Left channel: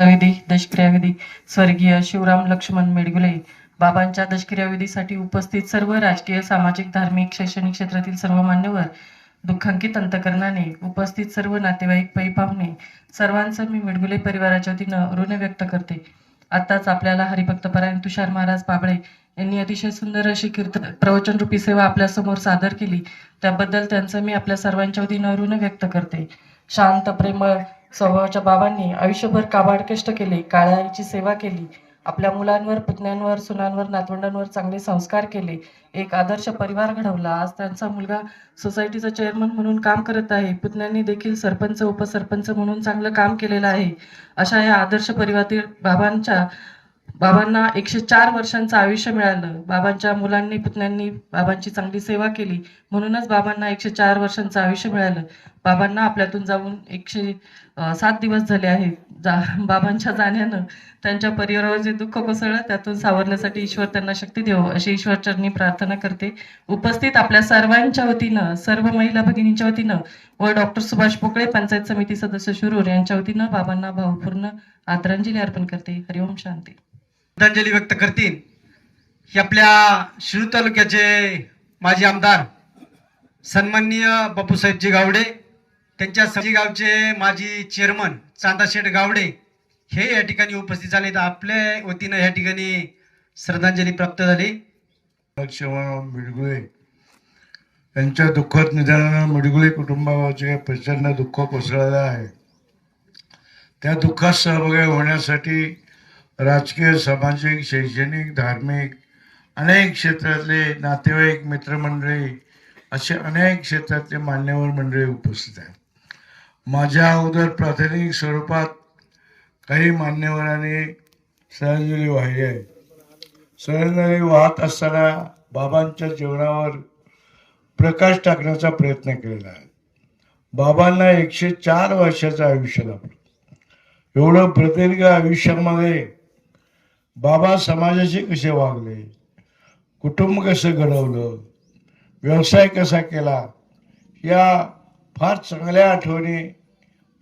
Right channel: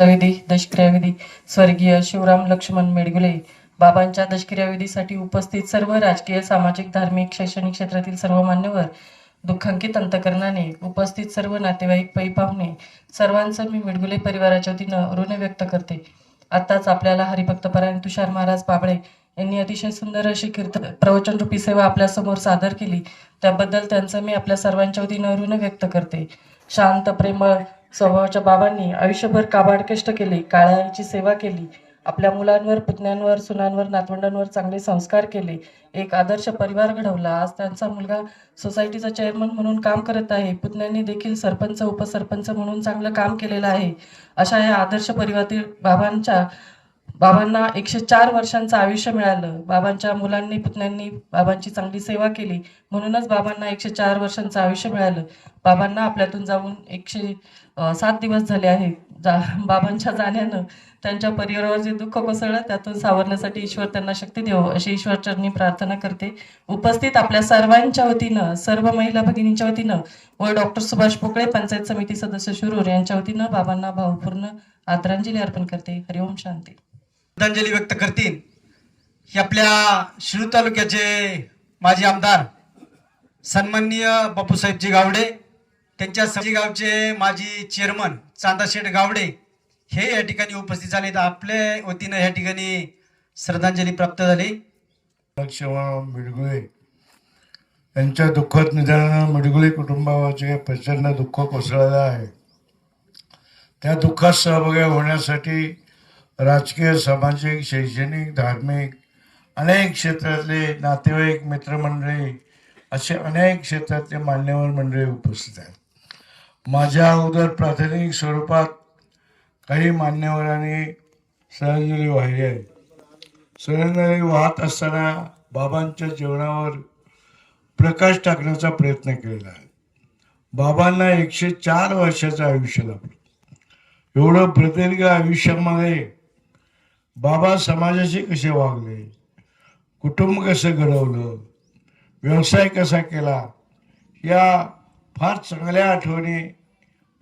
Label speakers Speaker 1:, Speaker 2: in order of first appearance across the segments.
Speaker 1: विधी दशक्रियाविधी स्वर्गीय शिवराम लक्ष्मण मेडगुले बाबांच्या दशक्रियाविधीसाठी उपस्थित सर्व राजकीय सामाजिक धार्मिक शैक्षणिक क्षेत्रातील सर्व मान्यवर दुःखांकित अंतकरणाने उपस्थित सर्व नातेवाईक पै पाहुणे सर्वांचं मी मेडगुले परिवाराच्या वतीनं ऋण व्यक्त करते. आत्ताच आपल्याला हरिभक्तपरायण तुषार महाराज बाबळे यांनी अतिशय सुंदर अशी कीर्तन प्रवचनरूपी सेवा आपल्यासमोर सादर केली. त्याबद्दल त्यांचं मी आपल्या सर्वांच्या वतीनं ऋण व्यक्त करते. शांत प्रेमळ स्वभावाच्या बाबांनी आयुष्यभर काबाड कष्ट केले काळ्या सेवा केली आपल्या मुलांवर पुतण्यांवर सुनांवर नातवंडांवर चांगले संस्कार केले. एक आदर्श परिवार घडवला. आज त्यांचा मुलगा सोसायटीचा चेअरमन म्हणून काम करत आहे. पुतण्यांनी देखील सरपंच उपसरपंच म्हणून चांगलं काम केलेलं आहे. अशा या आदर्श परिवारातील बाबांच्या बाबांना एकशे चार वर्षांचं आयुष्य मिळालं. बाबांच्या मुलांनी पुतण्यांनी बाबांची चांगली सेवा केली. म्हणूनच बाबांना एकशे चार वर्षांचं आयुष्य मिळालं. बाबांना आपल्यातून जाऊन एकशे सात दिवस झाले आहेत. जा बाबांच्या जाण्यानं त्यांच्या परिवारावर जे दुःख कोसळलं त्यातून सावरण्यासाठी ईश्वर त्यांना शक्ती देव अशी ईश्वरचरणी प्रार्थना करते. उपस्थित आपल्या सर्वांच्या वतीनं सर्व महिला भगिनींच्या वतीनं व डॉक्टर सुभाष पोकळे पंचायत समिती सदस्य शुरूर यांच्या वतीनं बाबांना भावपूर्ण आदरांजली अर्पण करते. हरिओम शांती.
Speaker 2: श्रद्धांजली व्यक्त करतील हे आपल्या शिरूर तालुक्याचे माजी आमदार सन्माननीय बापूसाहेबजी गावडे त्यांच्या सजी गावचे माजी चेअरमन चांदाशेठ गावडे हे या ठिकाणी उपस्थित झाले. तर आपल्या वतीनं या ठिकाणी श्रद्धांजली प्राप्त झाली.
Speaker 3: मिडगुळे यांच्या दुःखद निधनानं मिडगुळे कुटुंबाचे प्रचंड दुःख कोसळलं आहे. त्या दुःखात सहभागी होण्यासाठी राजकीय सामाजिक शैक्षणिक धार्मिक अनेक क्षेत्रातले नातेवाईक मित्रमंडळी असे अनेक क्षेत्रातले मान्यवर मंडळी उपस्थित आहेत. माझ्या अगोदर प्राथमिक स्वरूपात काही मान्यवरांनी श्रद्धांजली वाहिली आहे श्रद्धांजली वाहत असताना बाबांच्या जीवनावर प्रकाश टाकण्याचा प्रयत्न केलेला आहे. बाबांना एकशे चार वर्षाचं आयुष्य लाभलं. एवढं प्रदीर्घ आयुष्यामध्ये बाबा समाजाशी कसे वागले? कुटुंब कसं घडवलं? व्यवसाय कसा केला? या फार चांगल्या आठवणी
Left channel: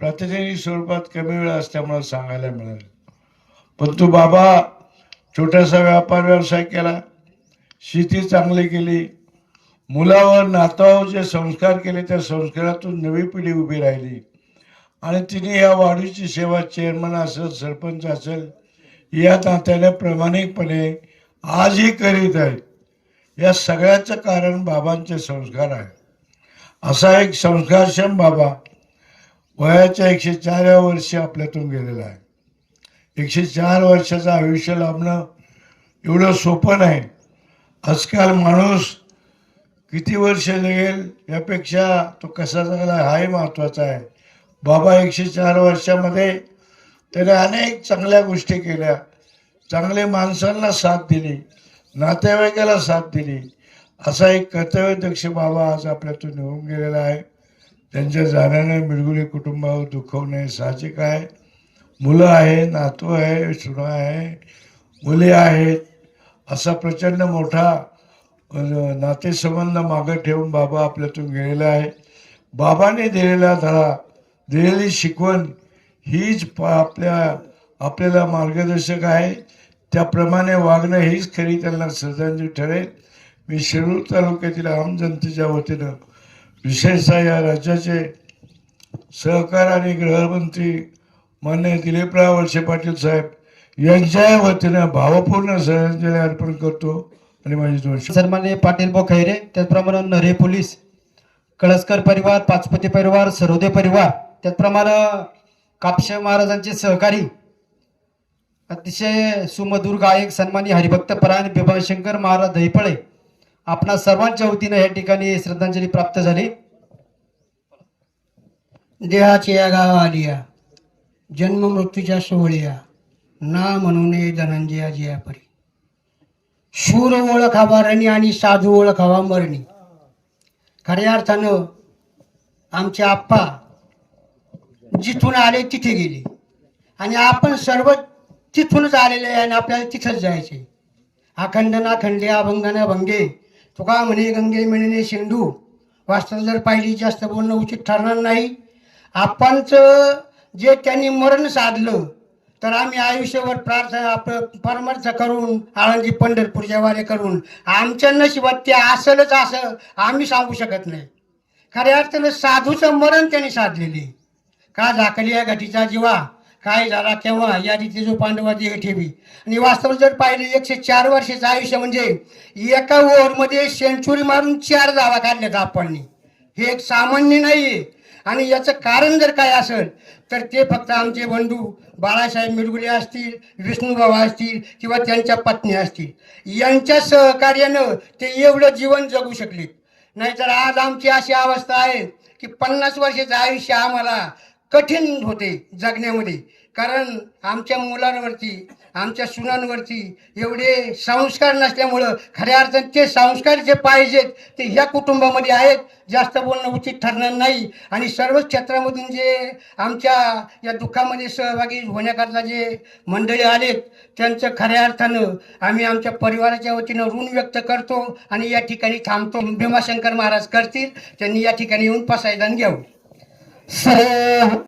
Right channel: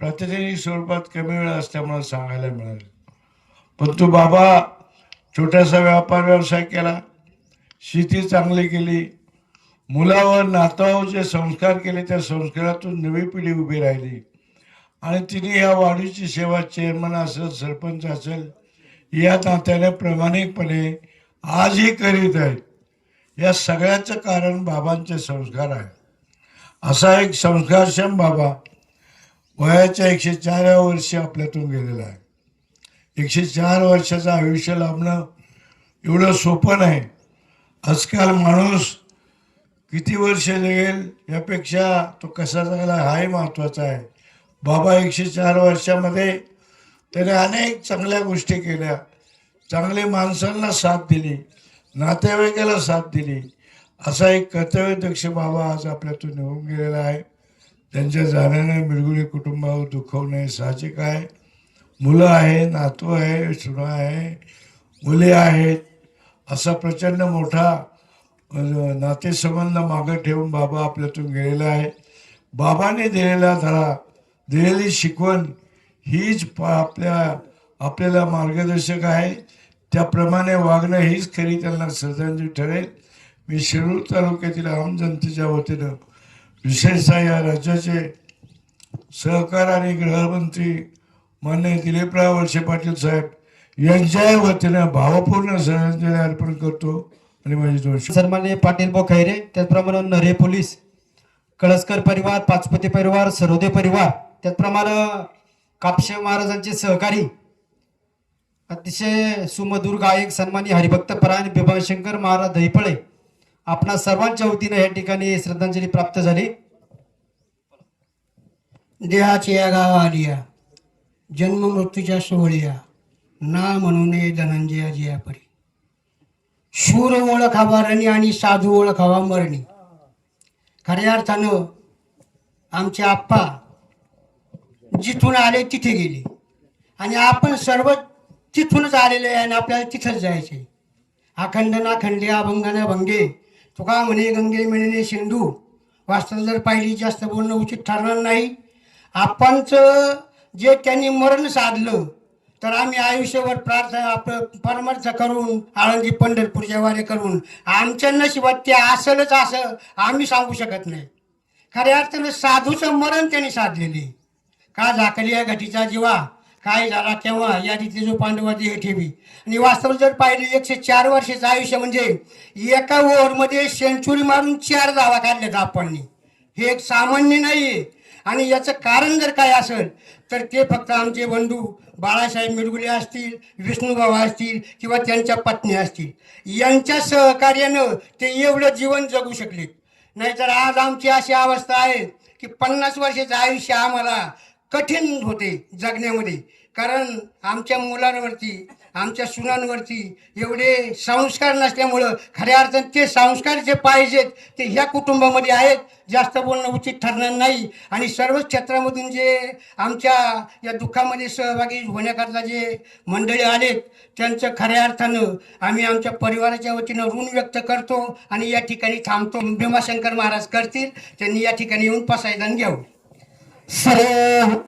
Speaker 3: प्रतिनिधी स्वरूपात कमी वेळ असल्यामुळे सांगायला मिळेल परंतु बाबा छोटासा व्यापार व्यवसाय केला शेती चांगली केली मुलावर नातावर जे संस्कार केले त्या संस्कारातून नवी पिढी उभी राहिली. आणि तिने या वाढीची सेवा चेअरमन असेल सरपंच असेल या तात्याला प्रामाणिकपणे आजही करीत आहेत या सगळ्याचं कारण बाबांचे संस्कार आहे. असा एक संस्कारक्षम बाबा वयाच्या एकशे चारव्या वर्षी आपल्यातून गेलेला आहे. एकशे चार वर्षाचं आयुष्य लाभणं एवढं सोपं नाही. आजकाल माणूस किती वर्ष जगेल यापेक्षा तो कसा जगला हाही महत्त्वाचा आहे. बाबा एकशे चार वर्षामध्ये त्याने अनेक चांगल्या गोष्टी केल्या. चांगले माणसांना साथ दिली. नातेवाईकाला साथ दिली. असा एक कर्तव्यदक्ष बाबा आज आपल्यातून निघून गेलेला आहे. त्यांच्या जाण्याने मिरगुले कुटुंबावर दुखवणे साहजिक आहे. मुलं आहे नातू आहे सुना आहे मुले आहेत. असा प्रचंड मोठा नातेसंबंध मागं ठेवून बाबा आपल्यातून गेलेला आहे. बाबाने दिलेला धडा दिलेली शिकवण हीच प- आपल्या आपल्याला मार्गदर्शक आहे. त्याप्रमाणे वागणं हीच खरी त्यांना श्रद्धांजली ठरेल. मी शिरूर तालुक्यातील आम जनतेच्या वतीनं विशेषतः या राज्याचे सहकार आणि गृहमंत्री मान्य दिलीपराव वळसे पाटील साहेब यांच्या वतीनं भावपूर्ण श्रद्धांजली अर्पण करतो आणि माझी दोष
Speaker 4: सन्मान्य पाटील भाऊ खैरे त्याचप्रमाणे नरे पोलीस कळसकर परिवार पाचपती परिवार सरोदे परिवार त्याचप्रमाणे कापशे महाराजांचे सहकारी अतिशय सुमधुर गायक सन्मानी हरिभक्त परायण बिभाशंकर महाराज दहिपळे आपणा सर्वांच्या वतीनं या ठिकाणी श्रद्धांजली प्राप्त झाली.
Speaker 5: देहाची या गाव आलिया जन्म मृत्यूच्या सोहळ्या ना म्हणून धनंजया जिया परी. शूर ओळख रणी आणि साधू ओळखावा मरणी. खऱ्या अर्थानं आमचे आप्पा जिथून आले तिथे गेले. आणि आपण सर्व तिथूनच आलेले आहे आणि आपल्याला तिथंच जायचे अखंड ना खंडे अभंग. भंगे तुका म्हणे गंगे मिळणे सिंधू वास्तव जर पाहिली जास्त बोलणं उचित ठरणार नाही. आपणचं जे त्यांनी मरण साधलं तर आम्ही आयुष्यभर प्रार्थना आपलं परमर्थ करून आळंदी पंढरपूरच्या वारे करून आमच्या नशिबात ते असेलच असं आम्ही सांगू शकत नाही. खऱ्या अर्थानं साधूचं मरण त्यांनी साधलेले का झाकली या गटीचा जीवा? काय झाला तेव्हा? या जो पांडवाची हे ठेवी. आणि वास्तव जर पाहिले एकशे चार वर्षाचं आयुष्य म्हणजे एका ओव्हरमध्ये सेंचुरी मारून चार जावा काढल्या आपण हे एक सामान्य नाही आहे आणि याचं कारण जर काय असेल तर ते फक्त आमचे बंधू बाळासाहेब मिरगुले असतील विष्णूबाबा असतील किंवा त्यांच्या पत्नी असतील. यांच्या सहकार्यानं ते एवढं जीवन जगू शकले नाहीतर आज आमची अशी अवस्था आहे की पन्नास वर्षाचं आयुष्य आम्हाला कठीण होते जगण्यामध्ये. कारण आमच्या मुलांवरती आमच्या सुनांवरती एवढे संस्कार नसल्यामुळं खऱ्या अर्थाने ते संस्कार जे पाहिजेत ते ह्या कुटुंबामध्ये आहेत. जास्त बोलणं उचित ठरणार नाही. आणि सर्वच क्षेत्रामधून जे आमच्या या दुःखामध्ये सहभागी होण्याकरता जे मंडळी आलेत त्यांचं खऱ्या अर्थानं आम्ही आमच्या परिवाराच्या वतीनं ऋण व्यक्त करतो आणि या ठिकाणी थांबतो. भीमाशंकर महाराज करतील त्यांनी या ठिकाणी येऊन पसायदान घ्यावं.
Speaker 4: सर्व